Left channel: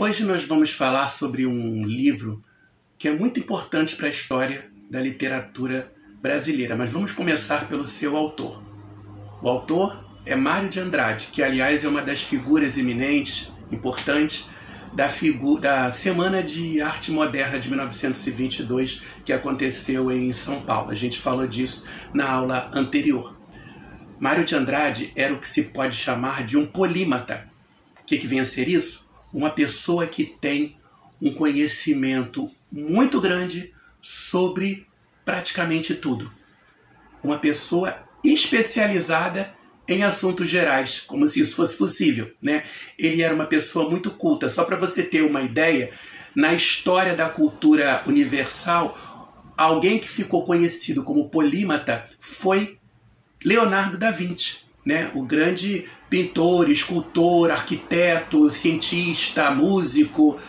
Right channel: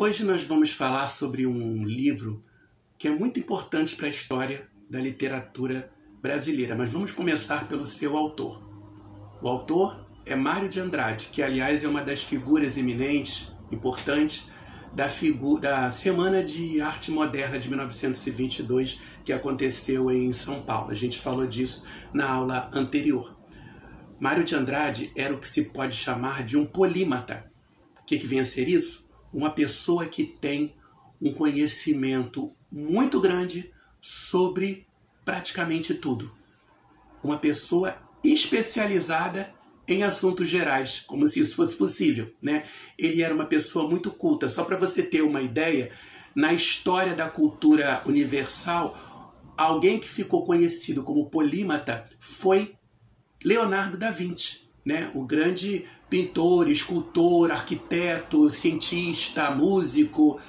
Hoje nós vamos falar sobre um livro que é muito importante para a história da literatura brasileira, mas vamos começar pelo seu autor. O autor é Mário de Andrade, que aliás é uma das figuras eminentes, importantes, da Semana de Arte Moderna de 1922, que aconteceu em São Paulo. A gente falou disso na aula anterior. Mário de Andrade era o que se pode chamar de um polímata. O que vem a ser isso? Uma pessoa que tem um conhecimento muito grande sobre praticamente tudo. Uma pessoa especializada em assuntos gerais, como se isso fosse possível, né? Ele era uma pessoa muito culta. Só para você ter uma ideia, na história da cultura universal, alguém que ficou conhecido como polímata foi Leonardo da Vinci, né? O grande pintor, escultor, arquiteto, cientista, músico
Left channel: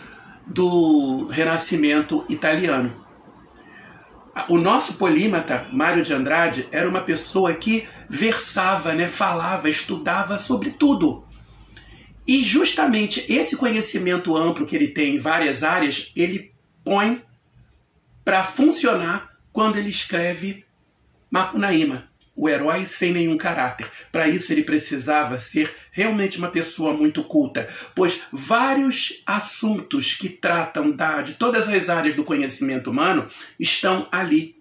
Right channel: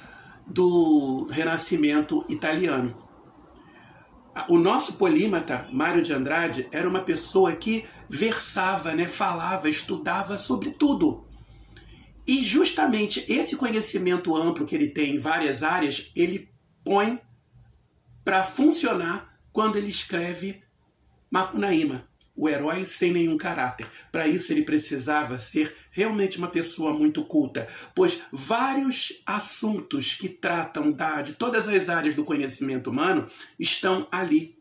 do Renascimento italiano. O nosso polímata, Mário de Andrade, era uma pessoa que versava, né, falava, estudava sobre tudo. E justamente esse conhecimento amplo que ele tem em várias áreas, ele põe para funcionar quando ele escreve Macunaíma, o herói sem nenhum caráter. Para isso ele precisava ser realmente uma pessoa muito culta, pois vários assuntos que tratam de todas as áreas do conhecimento humano estão ali.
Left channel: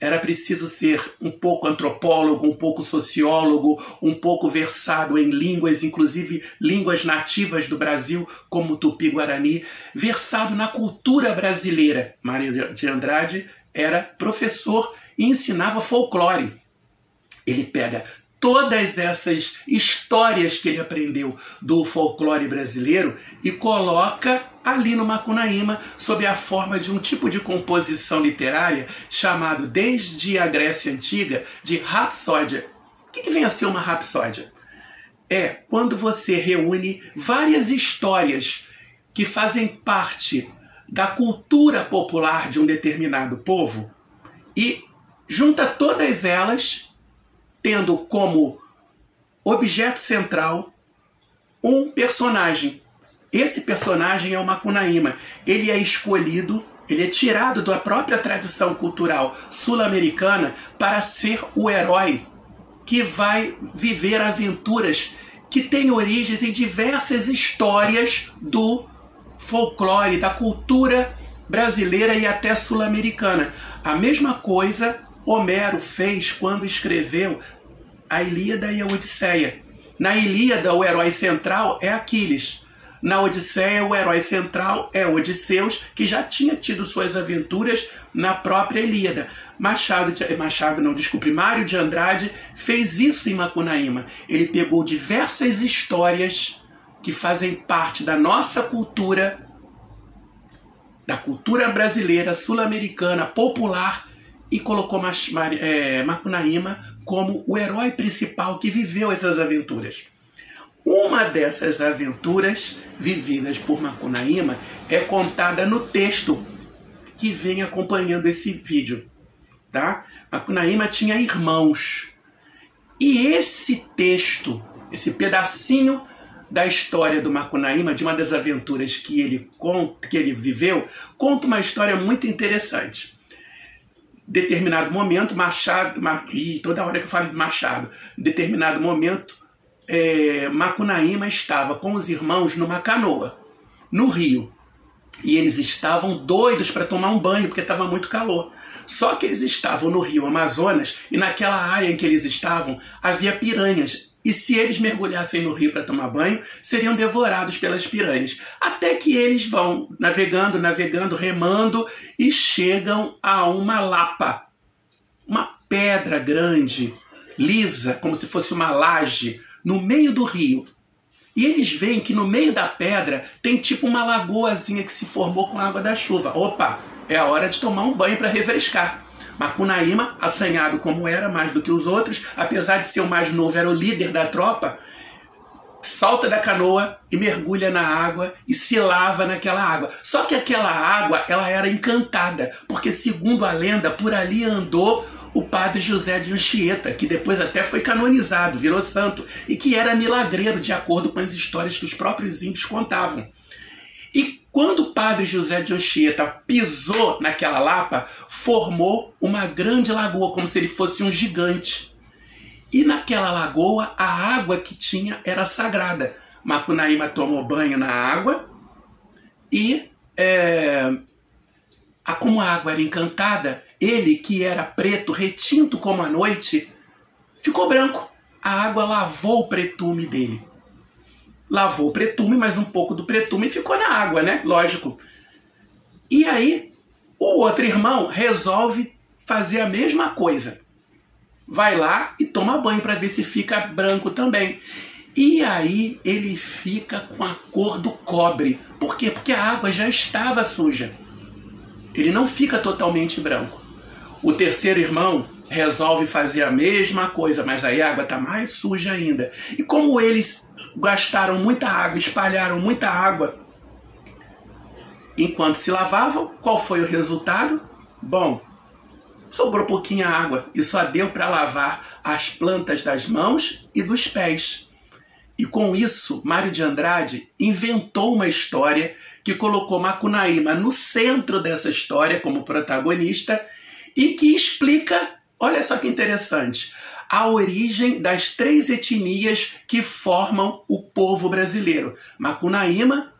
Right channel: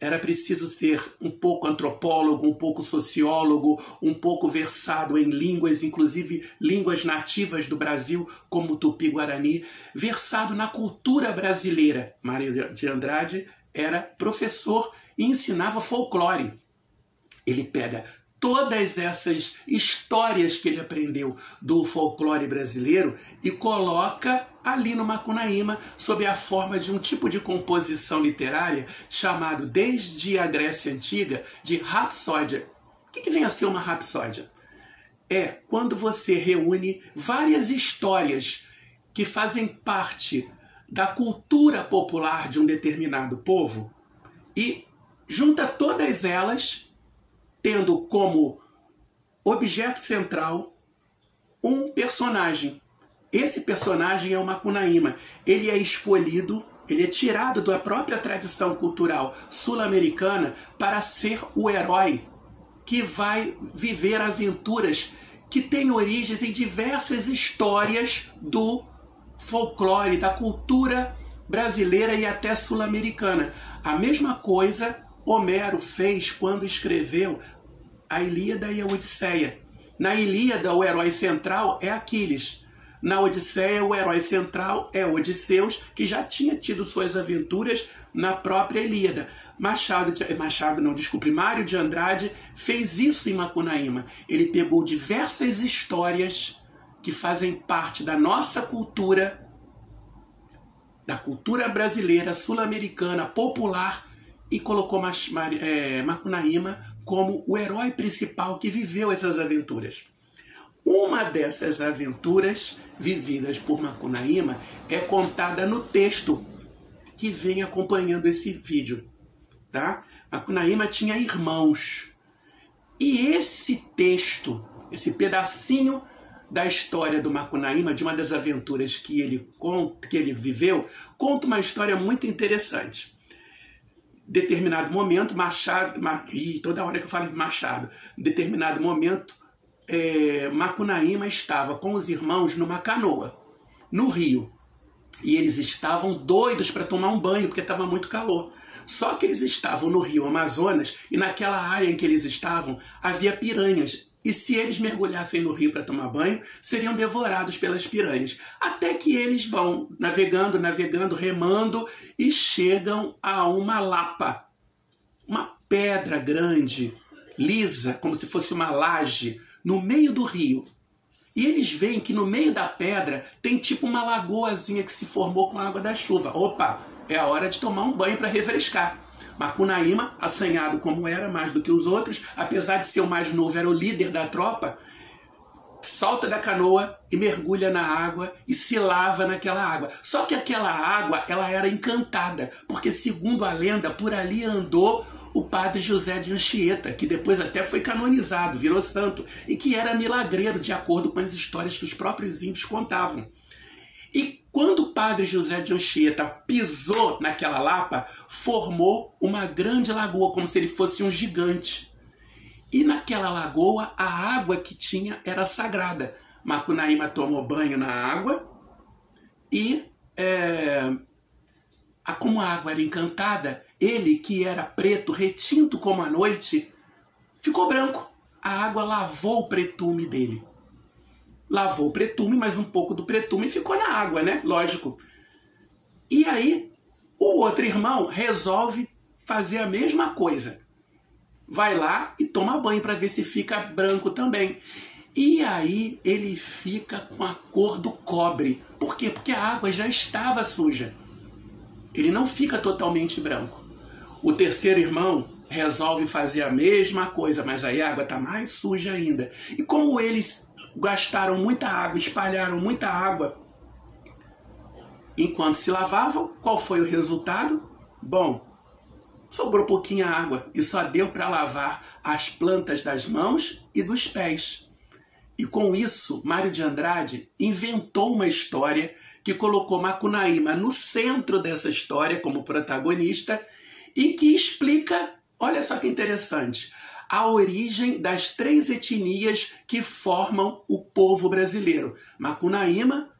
Era preciso ser um pouco antropólogo, um pouco sociólogo, um pouco versado em línguas, inclusive línguas nativas do Brasil, como o Tupi-Guarani, versado na cultura brasileira. Mário de Andrade era professor e ensinava folclore. Ele pega todas essas histórias que ele aprendeu do folclore brasileiro e coloca ali no Macunaíma sob a forma de um tipo de composição literária chamado, desde a Grécia Antiga, de rapsódia. O que vem a ser uma rapsódia? É quando você reúne várias histórias que fazem parte da cultura popular de um determinado povo e junta todas elas tendo como objeto central um personagem. Esse personagem é o Macunaíma. Ele é escolhido, ele é tirado da própria tradição cultural sul-americana para ser o herói que vai viver aventuras que têm origens em diversas histórias do folclore, da cultura brasileira e até sul-americana. A mesma coisa Homero fez quando escreveu a Ilíada e a Odisseia. Na Ilíada, o herói central é Aquiles. Na Odisseia, o herói central é Odisseus, que já tinha tido suas aventuras na própria Ilíada. Mário de Andrade fez isso em Macunaíma. Ele pegou diversas histórias que fazem parte da nossa cultura, da cultura brasileira, sul-americana, popular, e colocou Macunaíma como o herói principal que viveu essas aventuras. Uma dessas aventuras vividas por Macunaíma é contada no texto que vem acompanhando esse vídeo. Tá? Macunaíma tinha irmãos. E esse texto, esse pedacinho da história do Macunaíma, de uma das aventuras que ele viveu, conta uma história muito interessante. Determinado momento, e toda hora que eu falo de Machado, determinado momento, Macunaíma estava com os irmãos numa canoa, no rio. E eles estavam doidos para tomar um banho, porque estava muito calor. Só que eles estavam no rio Amazonas, e naquela área em que eles estavam, havia piranhas. E se eles mergulhassem no rio para tomar banho, seriam devorados pelas piranhas. Até que eles vão navegando, remando, e chegam a uma lapa. Uma pedra grande, lisa, como se fosse uma laje, no meio do rio. E eles veem que no meio da pedra tem tipo uma lagoazinha que se formou com a água da chuva. Opa, é a hora de tomar um banho para refrescar. Macunaíma, assanhado como era, mais do que os outros, apesar de ser o mais novo, era o líder da tropa, salta da canoa e mergulha na água e se lava naquela água. Só que aquela água, ela era encantada, porque segundo a lenda, por ali andou o padre José de Anchieta, que depois até foi canonizado, virou santo, e que era milagreiro, de acordo com as histórias que os próprios índios contavam. E quando o padre José de Anchieta pisou naquela lapa, formou uma grande lagoa, como se ele fosse um gigante. E naquela lagoa, a água que tinha era sagrada. Macunaíma tomou banho na água e, como a água era encantada, ele, que era preto, retinto como a noite, ficou branco. A água lavou o pretume dele. Lavou o pretume, mas um pouco do pretume ficou na água, né? Lógico. E aí, o outro irmão resolve fazer a mesma coisa. Vai lá e toma banho para ver se fica branco também. E aí ele fica com a cor do cobre. Por quê? Porque a água já estava suja. Ele não fica totalmente branco. O terceiro irmão resolve fazer a mesma coisa, mas aí a água está mais suja ainda. E como eles gastaram muita água, espalharam muita água, enquanto se lavavam, qual foi o resultado? Bom, sobrou pouquinha água e só deu para lavar as plantas das mãos e dos pés. E com isso, Mário de Andrade inventou uma história que colocou Macunaíma no centro dessa história como protagonista e que explica, olha só que interessante, a origem das 3 etnias que formam o povo brasileiro. Macunaíma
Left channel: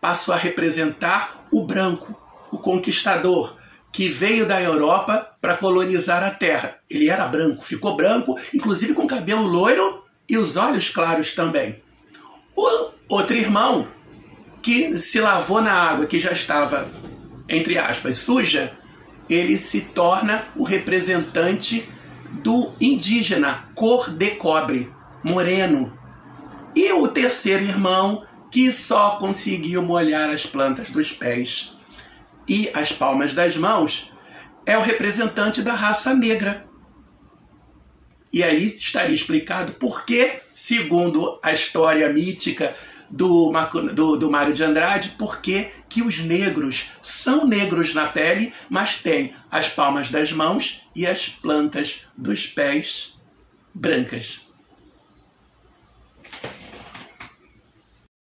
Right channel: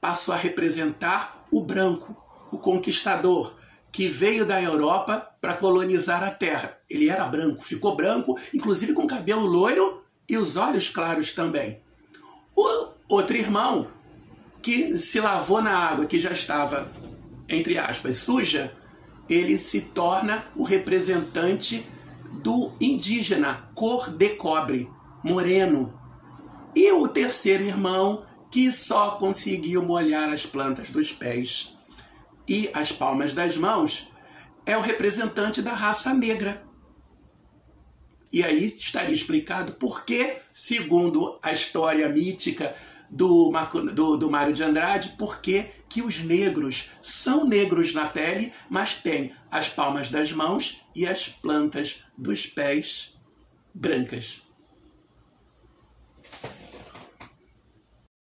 passou a representar o branco, o conquistador, que veio da Europa para colonizar a terra. Ele era branco, ficou branco, inclusive com cabelo loiro e os olhos claros também. O outro irmão, que se lavou na água que já estava, entre aspas, suja, ele se torna o representante do indígena, cor de cobre, moreno. E o terceiro irmão, que só conseguiu molhar as plantas dos pés e as palmas das mãos, é o representante da raça negra. E aí estaria explicado por que, segundo a história mítica do Mário de Andrade, por que os negros são negros na pele, mas têm as palmas das mãos e as plantas dos pés brancas.